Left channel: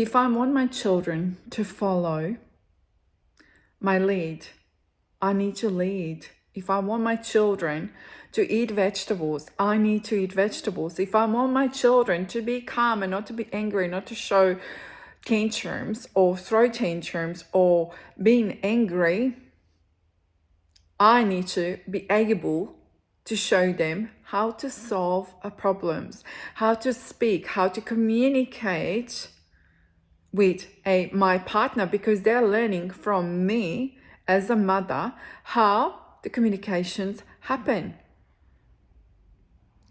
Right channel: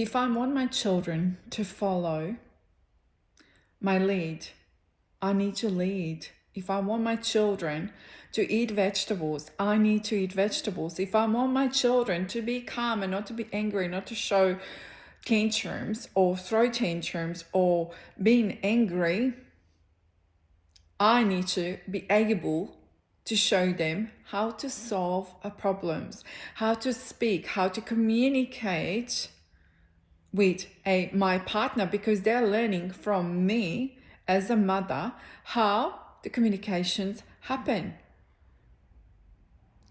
If I want my children to follow my lead, I need to lead. If I want my children to eat vegetables, I need to eat vegetables. If I want my children to be calm and not to be angry, not to show tantrums or throw tantrums or being angry, I need to be able to show them how to solve problems, how to speak, how to communicate with my partner, because they're learning from me as a mother how the communications happen.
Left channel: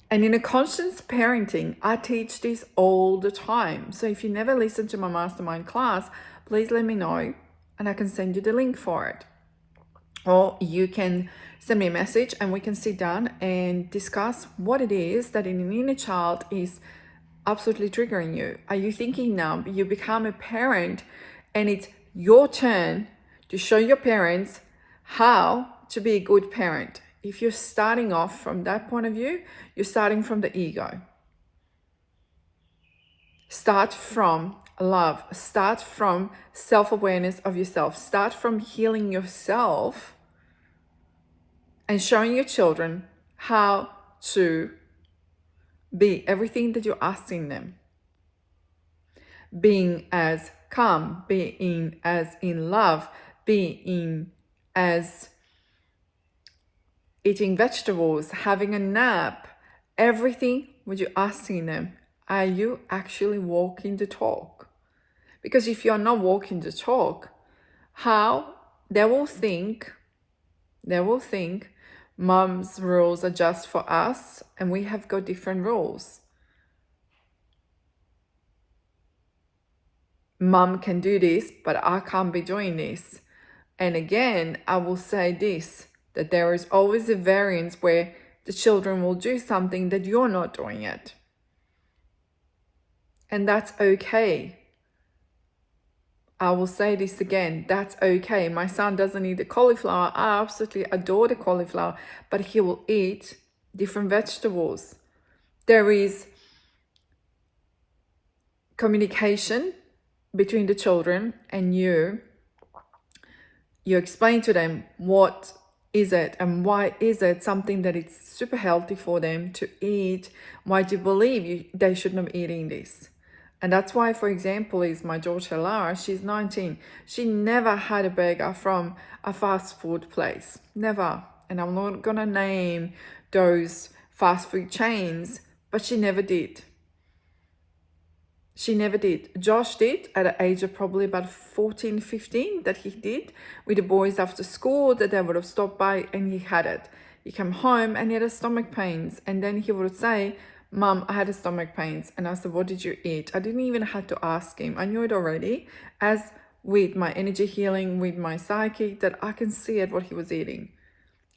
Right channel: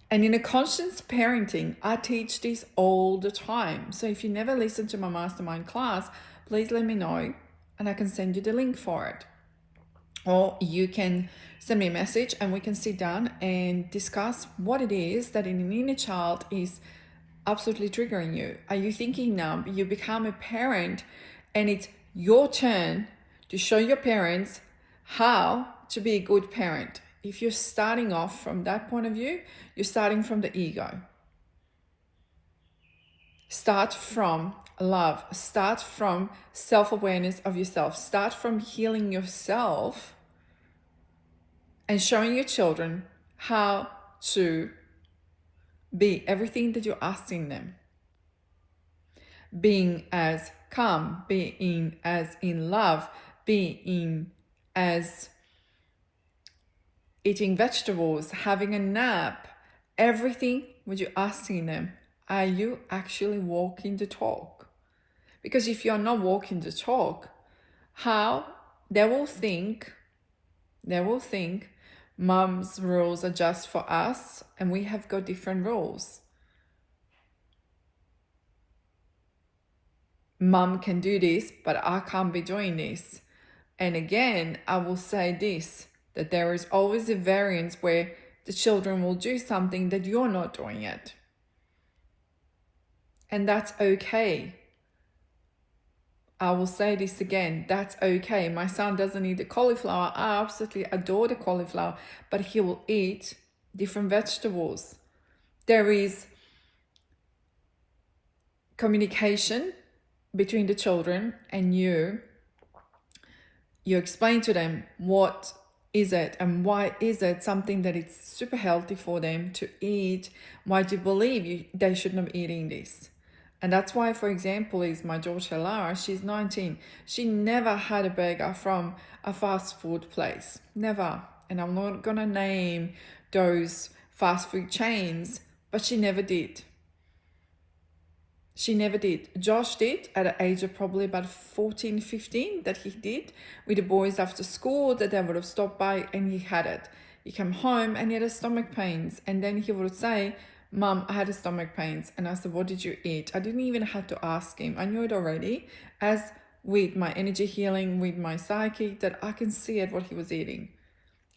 And in a conscious parenting, I teach this all the time. So if you never listened to my mastermind class, please let me know and I can send you the link for it. Or you can send me a message and we can sit down and discuss what it is that in an inner child is absolutely triggering you. Are you thinking now you become a parent and it's your turn to show your parents how to be a good parent? If you're starting off from that point of view, you're starting from the ego. Start from love. Start from self-awareness of yourself. Start from healing yourself and showing your children how to be everything that you're asking them. Being as calm, being as in love, being as eating vegetables, having a nap, everything what you're asking them. Are you actually walking the talk? Because if you're not walking the talk, how they will think mom's rules are just for us and we have got different rules. Mom can do this, but I can't be doing this. And again, I will say this, that there is always a variance where the children will do something that you're not doing it. And that's okay. I will say this again, that's okay. My son doesn't eat the cauliflower. I absolutely adore the cauliflower, but he will eat different vegetables. There is communication between the children and you. You explain to them what is it and why is it something that is super healthy for them to eat. Why do you believe they should not be eating this? And that's why, for example, is my daughter Lara, she's 19. She never had a burger from a fast food place, never. And I'm not gonna name those fast food chains, but she never did. She never did. Josh did at the age of probably about 14, 15, that he did with the boys after school, that they would have stopped by and he had it. He came home and he had stomach pains. And then he would say, Mom, I had stomach pains. And I said, what did you eat? I didn't even have to ask him. I knew it already. As with my energy healing, with my psychic, that I can see it what he was eating.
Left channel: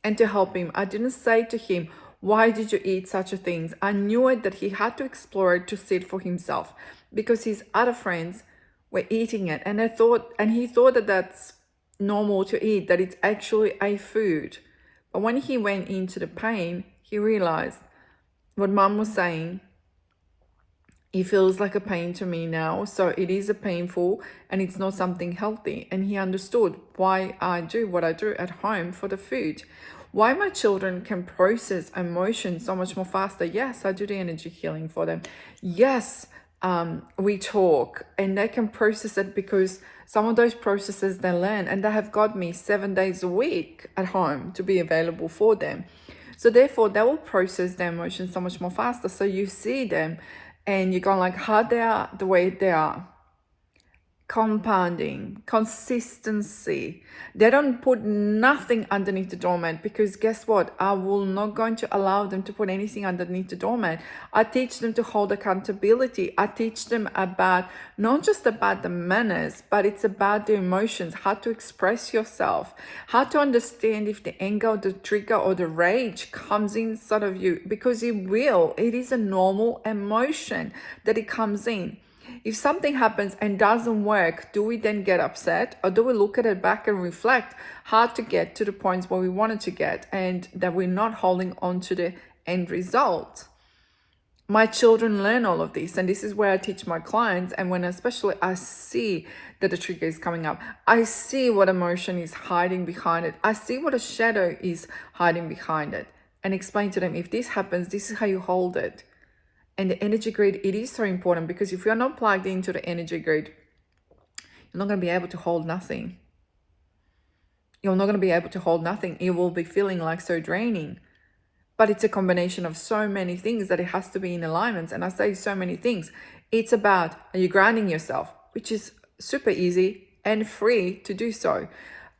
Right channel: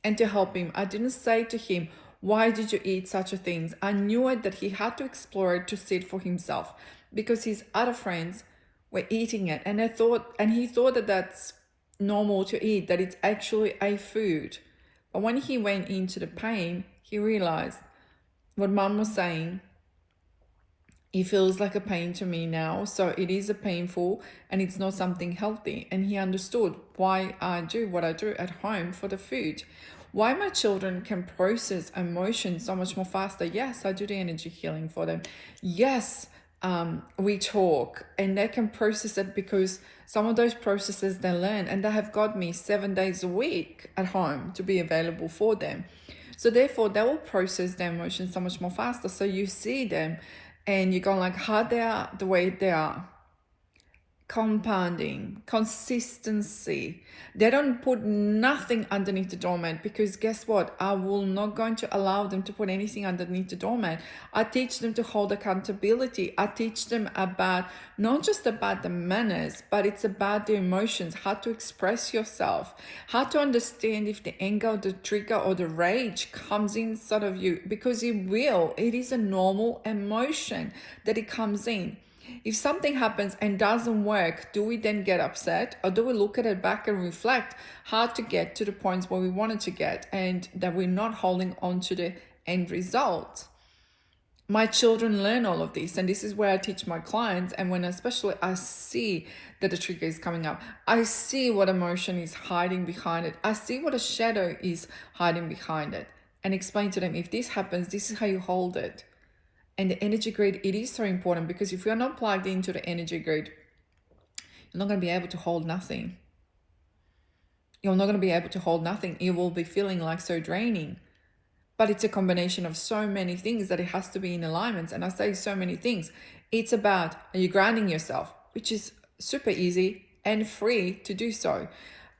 And to help him, I didn't say to him, why did you eat such a thing? I knew it that he had to explore it to see it for himself, because his other friends were eating it. And he thought that that's normal to eat, that it's actually a food. But when he went into the pain, he realized what Mom was saying. It feels like a pain to me now, so it is a painful and it's not something healthy. And he understood why I do what I do at home for the food. Why my children can process emotions so much more faster. Yes, I do the energy healing for them. Yes, we talk and they can process it because some of those processes they learn, and they have got me 7 days a week at home to be available for them. So therefore they will process their emotions so much more faster. So you see them and you go like how they are the way they are. Compounding, consistency. They don't put nothing underneath the doormat, because guess what? I will not going to allow them to put anything underneath the doormat. I teach them to hold accountability. I teach them about not just about the manners, but it's about the emotions, how to express yourself, how to understand if the anger, the trigger, or the rage comes inside of you, because it will. It is a normal emotion that it comes in. If something happens and doesn't work, do we then get upset, or do we look at it back and reflect how to get to the points where we wanted to get, and that we're not holding on to the end result? My children learn all of this, and this is where I teach my clients. And when especially I see that the trigger is coming up, I see what emotion is hiding behind it, I see what a shadow is hiding behind it, and explain to them, if this happens, this is how you hold it. And the energy grid, it is so important, because if you're not plugged into the energy grid, you're not going to be able to hold nothing. You're not going to be able to hold nothing. It will be feeling like so draining. But it's a combination of so many things that it has to be in alignment. And I say so many things. It's about, are you grounding yourself, which is super easy and free to do so.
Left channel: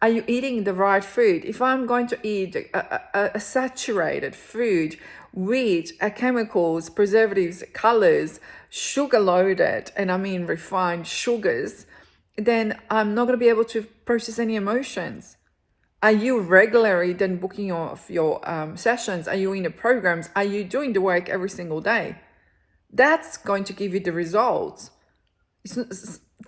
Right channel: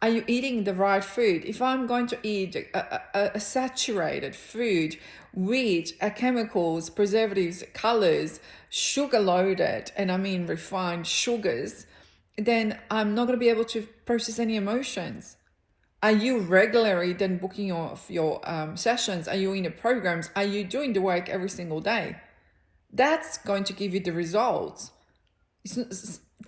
Are you eating the right food? If I'm going to eat a saturated food with chemicals, preservatives, colors, sugar loaded, and I mean refined sugars, then I'm not going to be able to process any emotions. Are you regularly then booking your sessions? Are you in the programs? Are you doing the work every single day? That's going to give you the results.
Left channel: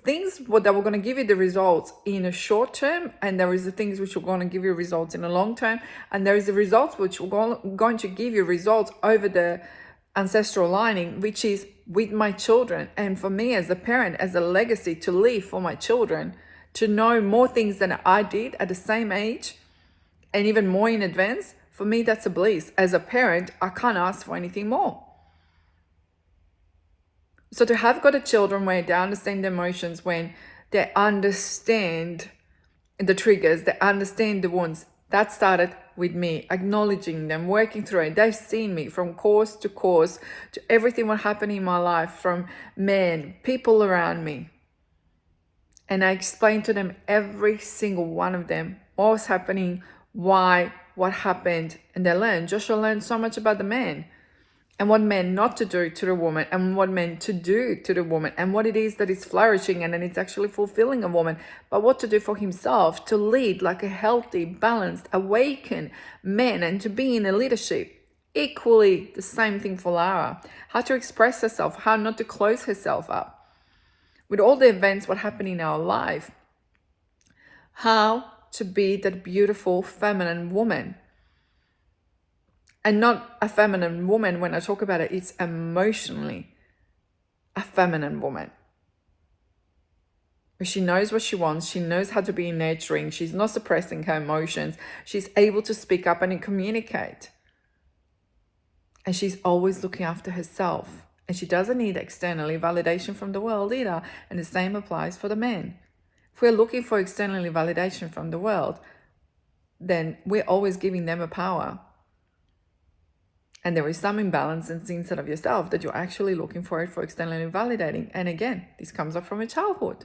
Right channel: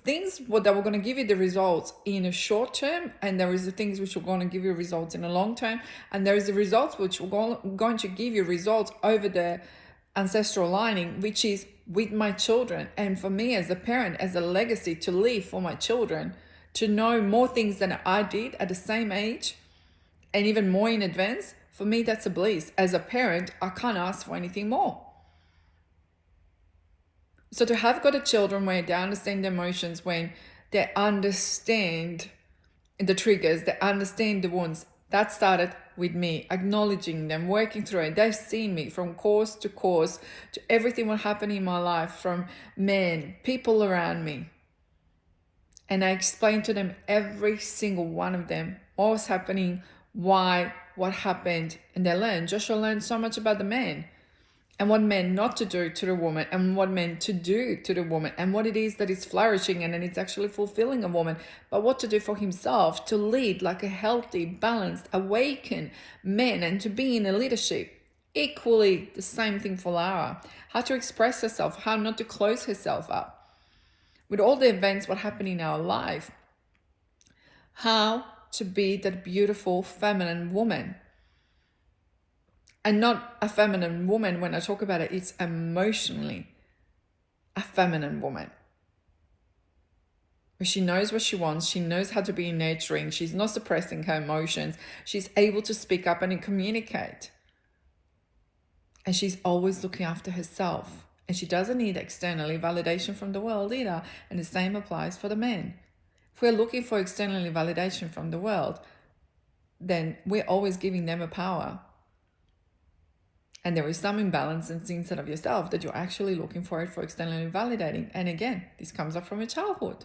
Things that were going to give you the results in a short term, and there is the things which are going to give you results in the long term, and there is the results which are going to give you results over the ancestral lining, which is with my children. And for me as a parent, as a legacy to leave for my children, to know more things than I did at the same age and even more in advance, for me, that's a bliss. As a parent, I can't ask for anything more. So to have got a children where they understand the emotions, when they understand the triggers, they understand the wounds, that started with me acknowledging them, working through it. They've seen me from course to everything what happened in my life, from men, people around me. And I explained to them, every single one of them, what was happening, why, what happened. And they learned. Joshua learned so much about the man, and what men not to do to the woman, and what men to do to the woman, and what it is that is flourishing and then it's actually fulfilling a woman, but what to do for himself to lead like a healthy, balanced, awakened man, and to be in a leadership. Equally the same thing for Lara. How to express herself, how not to close herself up. With all the events what happen in our life, how to be that beautiful feminine woman. And not a feminine woman, when I talk about it, it's emotionally a feminine woman. But she knows what she wants, she knows how to be nurturing, she's not suppressing her emotions, she's able to speak up and communicate. And she's always looking after herself. And she doesn't need externally validation from the world either. And the same applies for the men. If we're looking for externally validation from the world, then we're always giving them a power. And there is some imbalance inside of yourself that you're actually looking for it for externally validating. And again, this comes up from your childhood.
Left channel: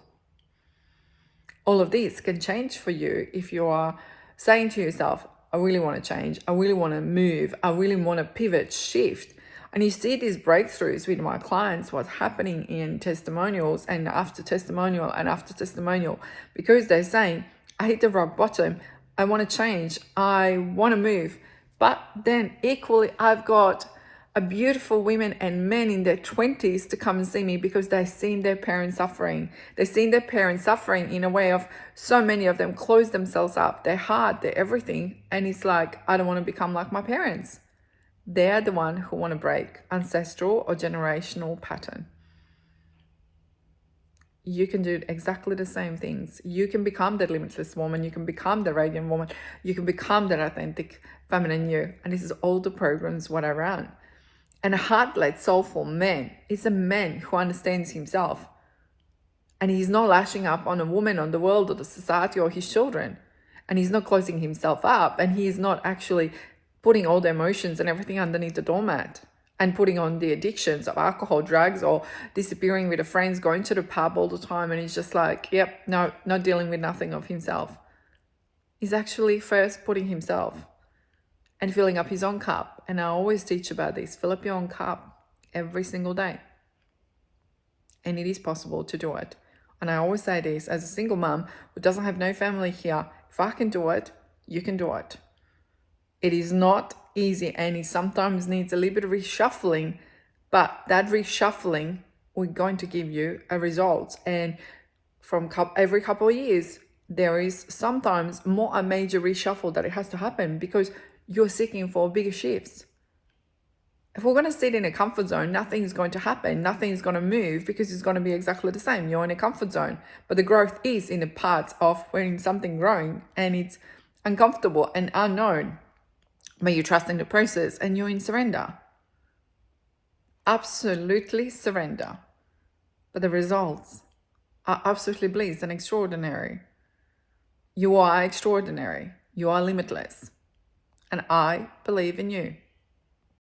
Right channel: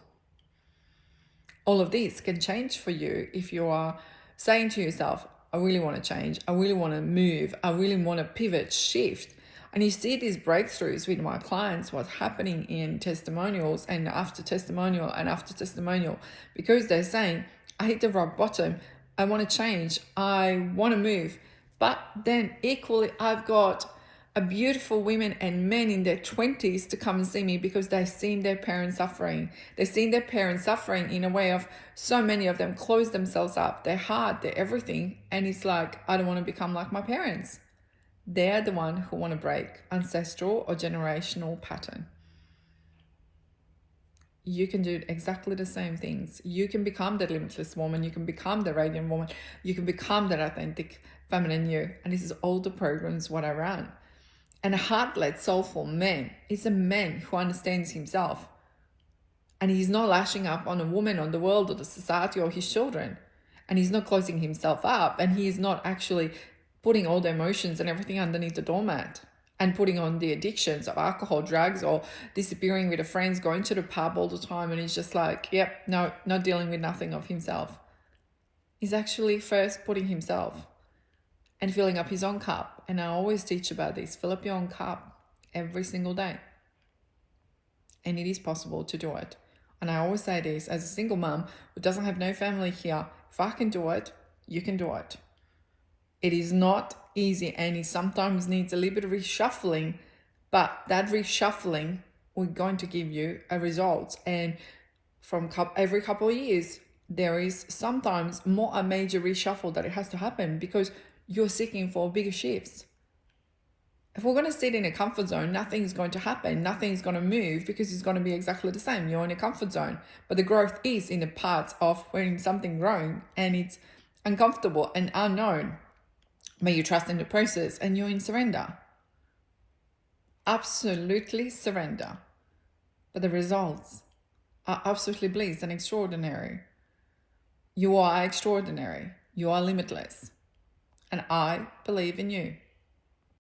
All of this can change for you if you are saying to yourself, I really want to change, I really want to move, I really want to pivot, shift. And you see these breakthroughs with my clients, what's happening in testimonials and after testimonial, because they're saying, I hit the rock bottom, I want to change, I want to move. But then equally, I've got a beautiful women and men in their 20s to come and see me because they've seen their parents suffering. They've seen their parents suffering in a way of so many of them close themselves up, their heart, their everything. And it's like, I don't want to become like my parents. They're the one who want to break ancestral or generational pattern. You can do exactly the same things. You can become the limitless woman. You can become the radiant woman. You can become that authentic feminine you. And this is all the programs what I run. And a heart-led, soulful man is a man who understands himself. And he's not lashing up on a woman, on the world, or the society, or his children. And he's not closing himself up. And he's not actually putting all the emotions and everything underneath the doormat and putting on the addictions of alcohol, drugs, or disappearing with the friends, going to the pub all the time. And he's just like, yep, no, not dealing with nothing of himself. He's actually first putting himself and filling up his own cup. And I always teach about this. Fill up your own cup every single day. And it is possible to do it. And I always say this, as a single mom who doesn't have no family here, if I can do it, you can do it. It is not easy, and it sometimes needs a little bit of reshuffling, but that reshuffling will going to give you a result. And from every couple of years, there is sometimes more a major reshuffle that it has to happen because you're seeking for bigger shifts. If we're going to sit in a comfort zone, nothing's going to happen. Nothing's going to move because it's going to be exactly the same. You're in a comfort zone. But the growth is in the parts of when something growing and it's uncomfortable and unknown. But you're trusting the process and you're in surrender. Absolutely surrender. But the results are absolutely bliss and extraordinary. You are extraordinary. You are limitless. And I believe in you.